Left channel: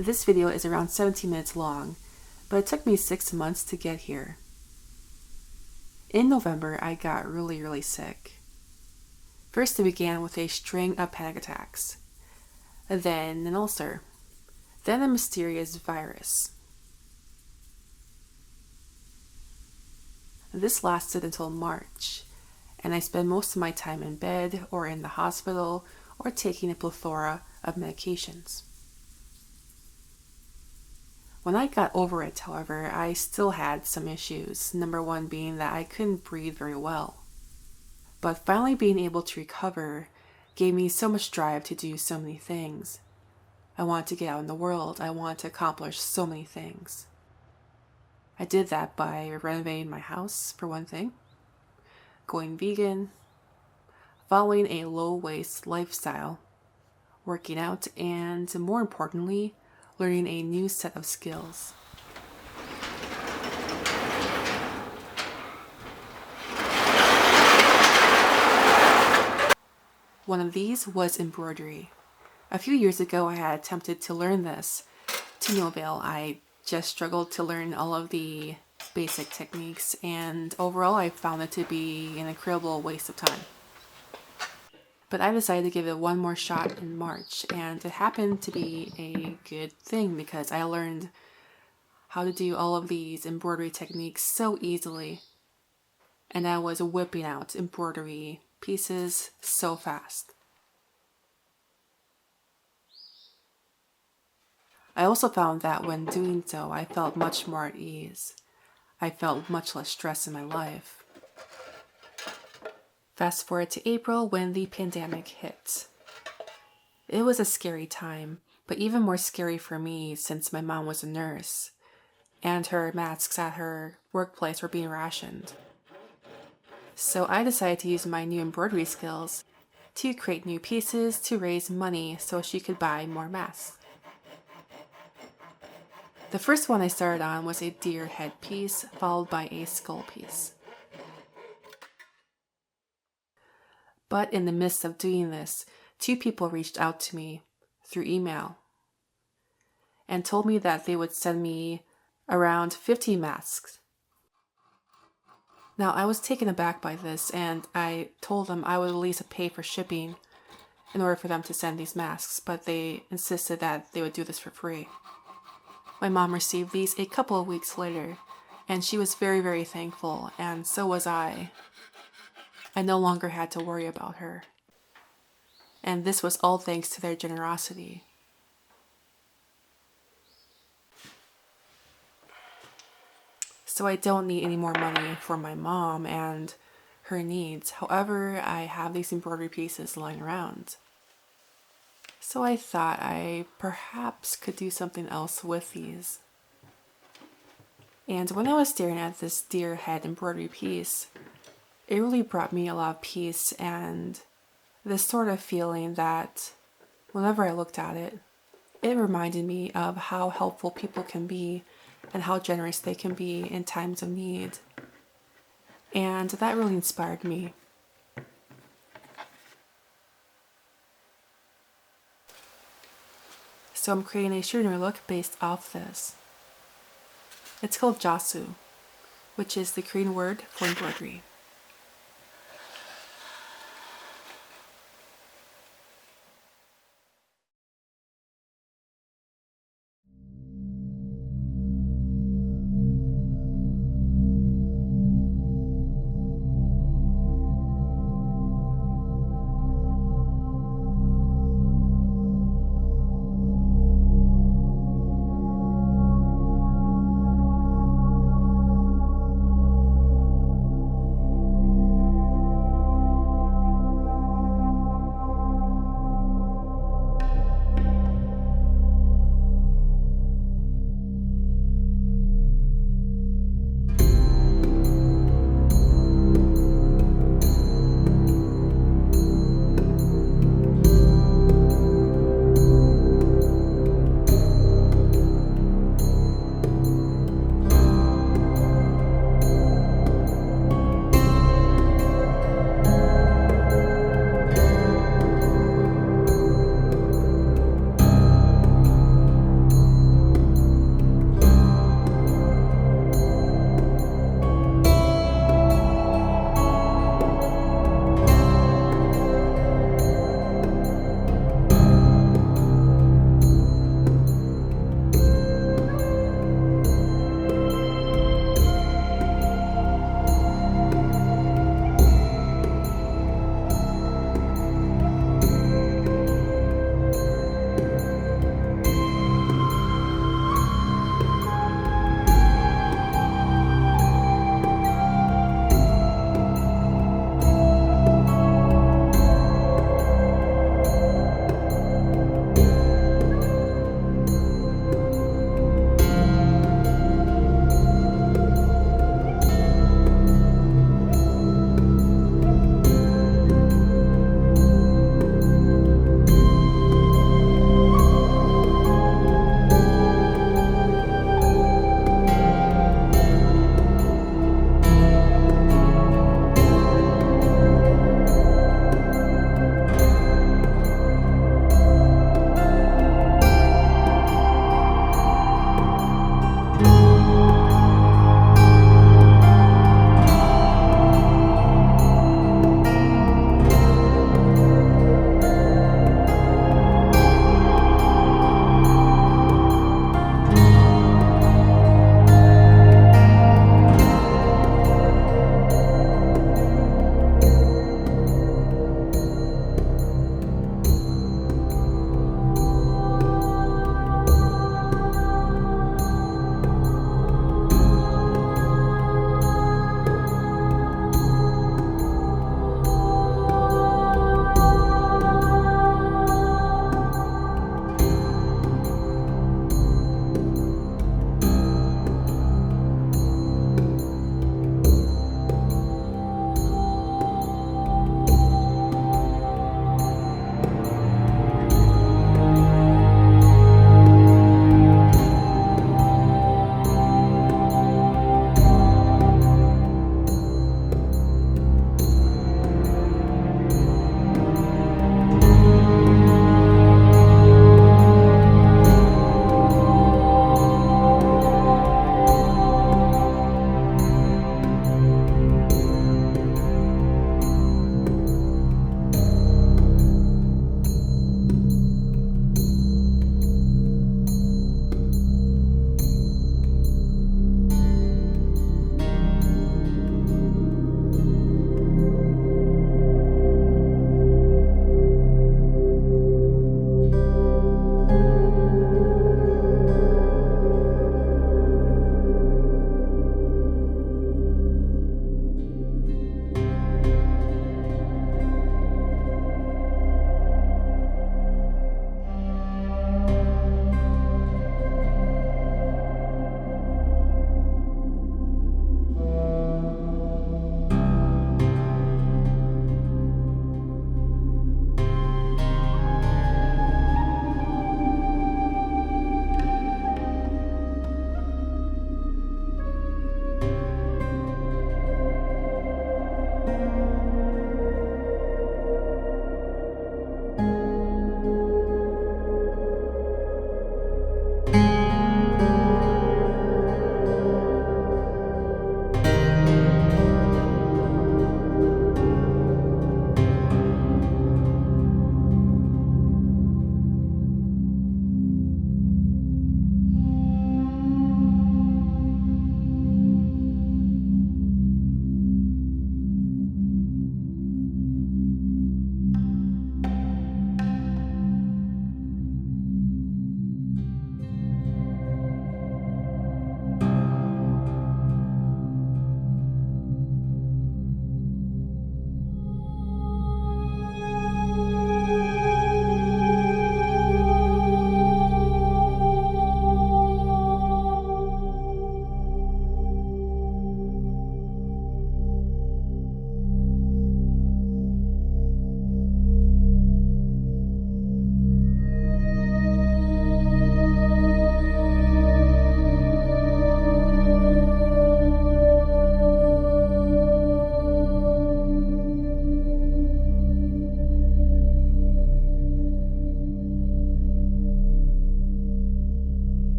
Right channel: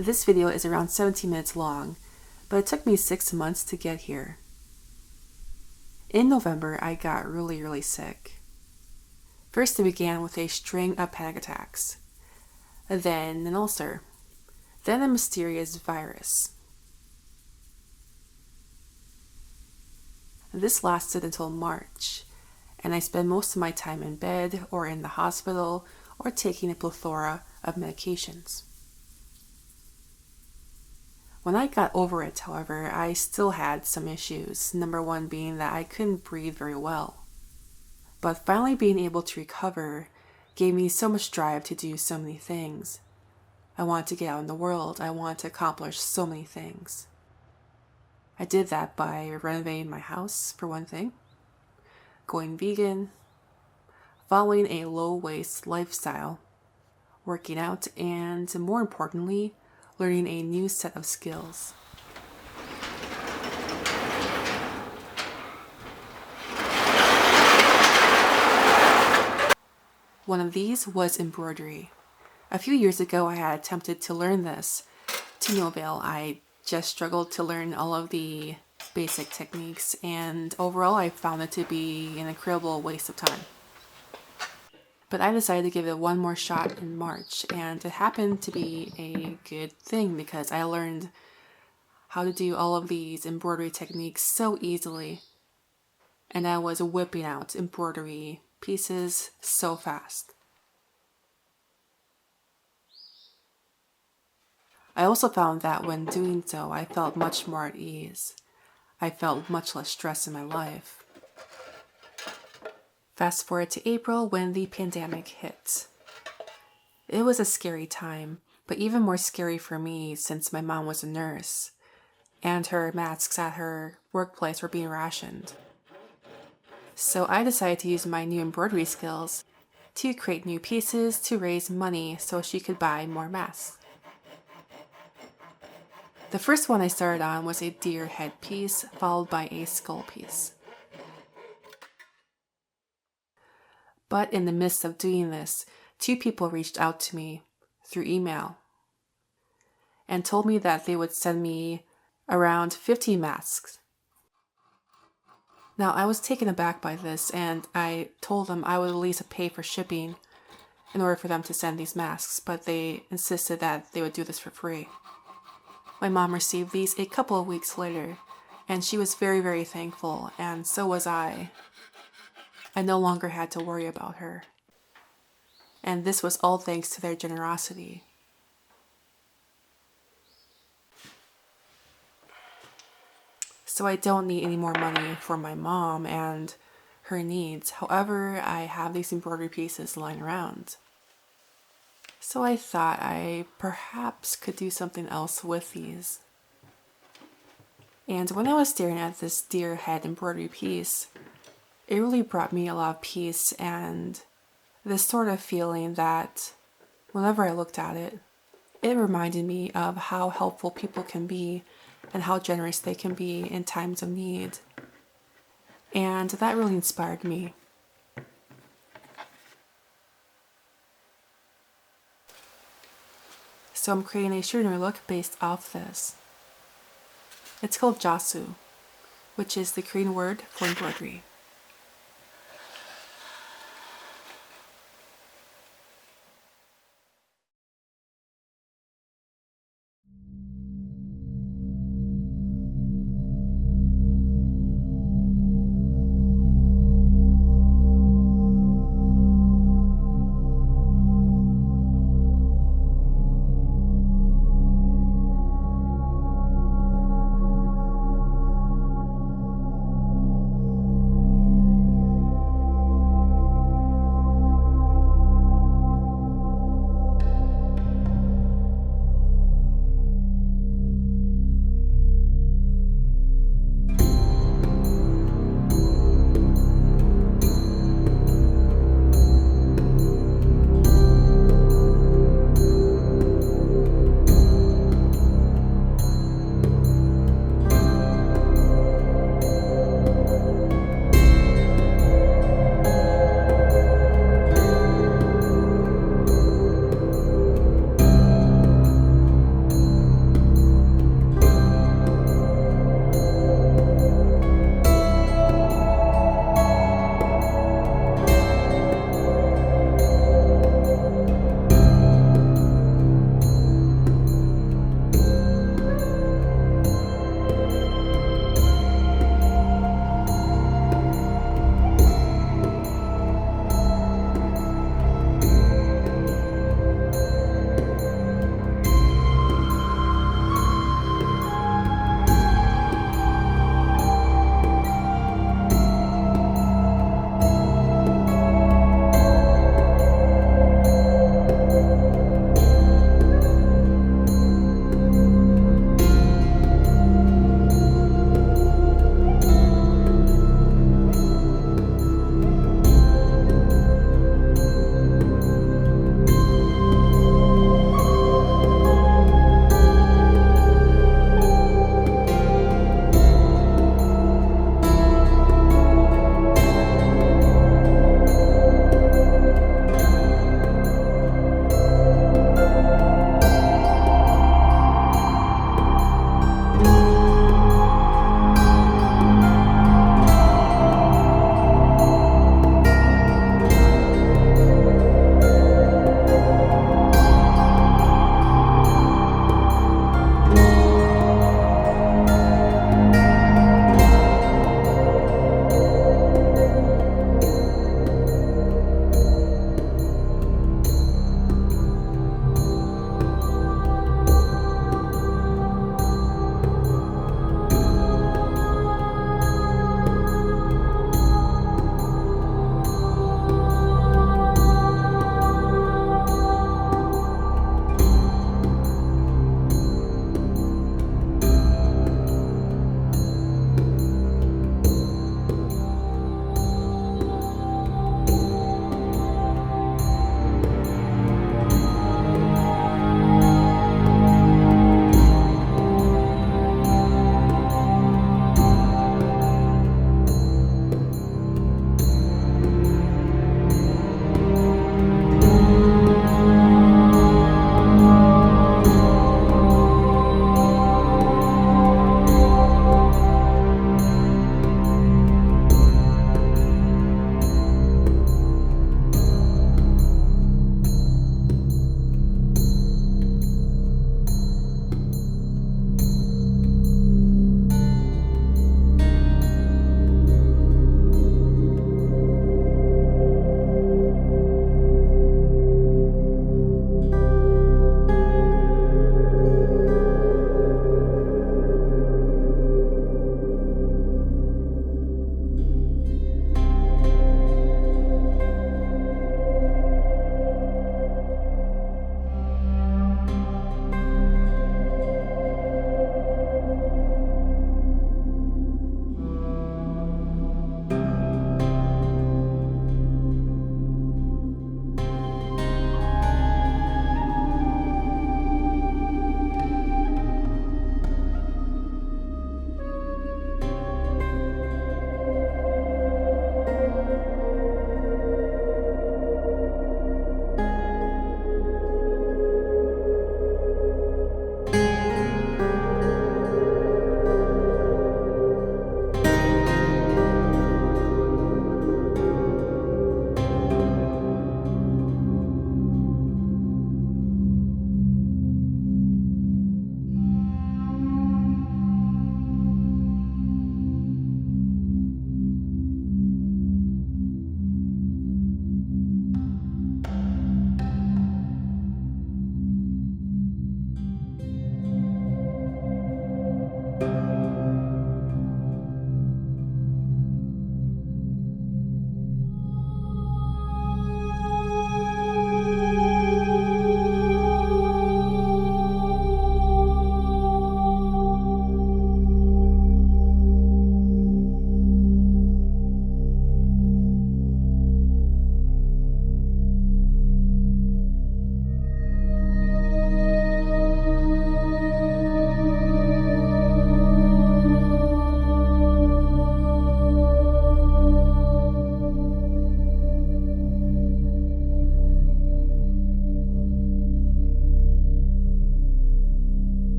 This video is around 17 minutes long, but it took me 6 months to get here. In November, I got really sick. First, it began with a string of panic attacks, then an ulcer, then a mysterious virus. This lasted until March, and I spent most of my time in bed or in the hospital or taking a plethora of medications. When I got over it, however, I still had some issues, number one being that I couldn't breathe very well. But finally being able to recover gave me so much drive to do so many things. I wanted to get out in the world. I wanted to accomplish so many things. I did that by renovating my house, for one thing, going vegan, following a low-waste lifestyle, working out, and more importantly, learning a new set of skills. One of these was embroidery. A few years ago, I had attempted to learn this to no avail. I just struggled to learn all of the basic techniques, and overall I found it to be an incredible waste of time. But I decided to give it one more shot in March, and it happened to be a good thing because I learned how to do all of these embroidery techniques so easily, and I was whipping out embroidery pieces so fast. I also found that when doing so, I felt much more at ease. I felt much less stress in my life. Fast forward to April when the pandemic hit. It was a scary time, but even more scary for me since my mom was a nurse, and her masks at her workplace were being rationed. So I decided to use my new embroidery skills to create new pieces to raise money so she could buy more masks. The first one I started on was a deer head piece, followed by a skull piece. But in the midst of doing this, 2 people reached out to me through email and told me that they would send me around 50 masks. Now, I was taken aback by this, and I told them I would at least pay for shipping in order for them to send these masks, but they insisted that they would do this for free. My mom received these a couple of weeks later, and she was very thankful, and so was I. I no longer had to worry about her. And this was all thanks to their generosity. So I don't need any more money for my mom and her needs. However, I have these embroidery pieces lying around. So I thought I perhaps could do something else with these. And when I was staring at this deer head embroidery piece, it really brought me a lot of peace and this sort of feeling that whenever I looked at it, it reminded me of how helpful people can be and how generous they can be in times of need. And that really inspired me. So I'm creating a Shironuri look based off this. It's called Chasu, which is the Korean word for embroidery.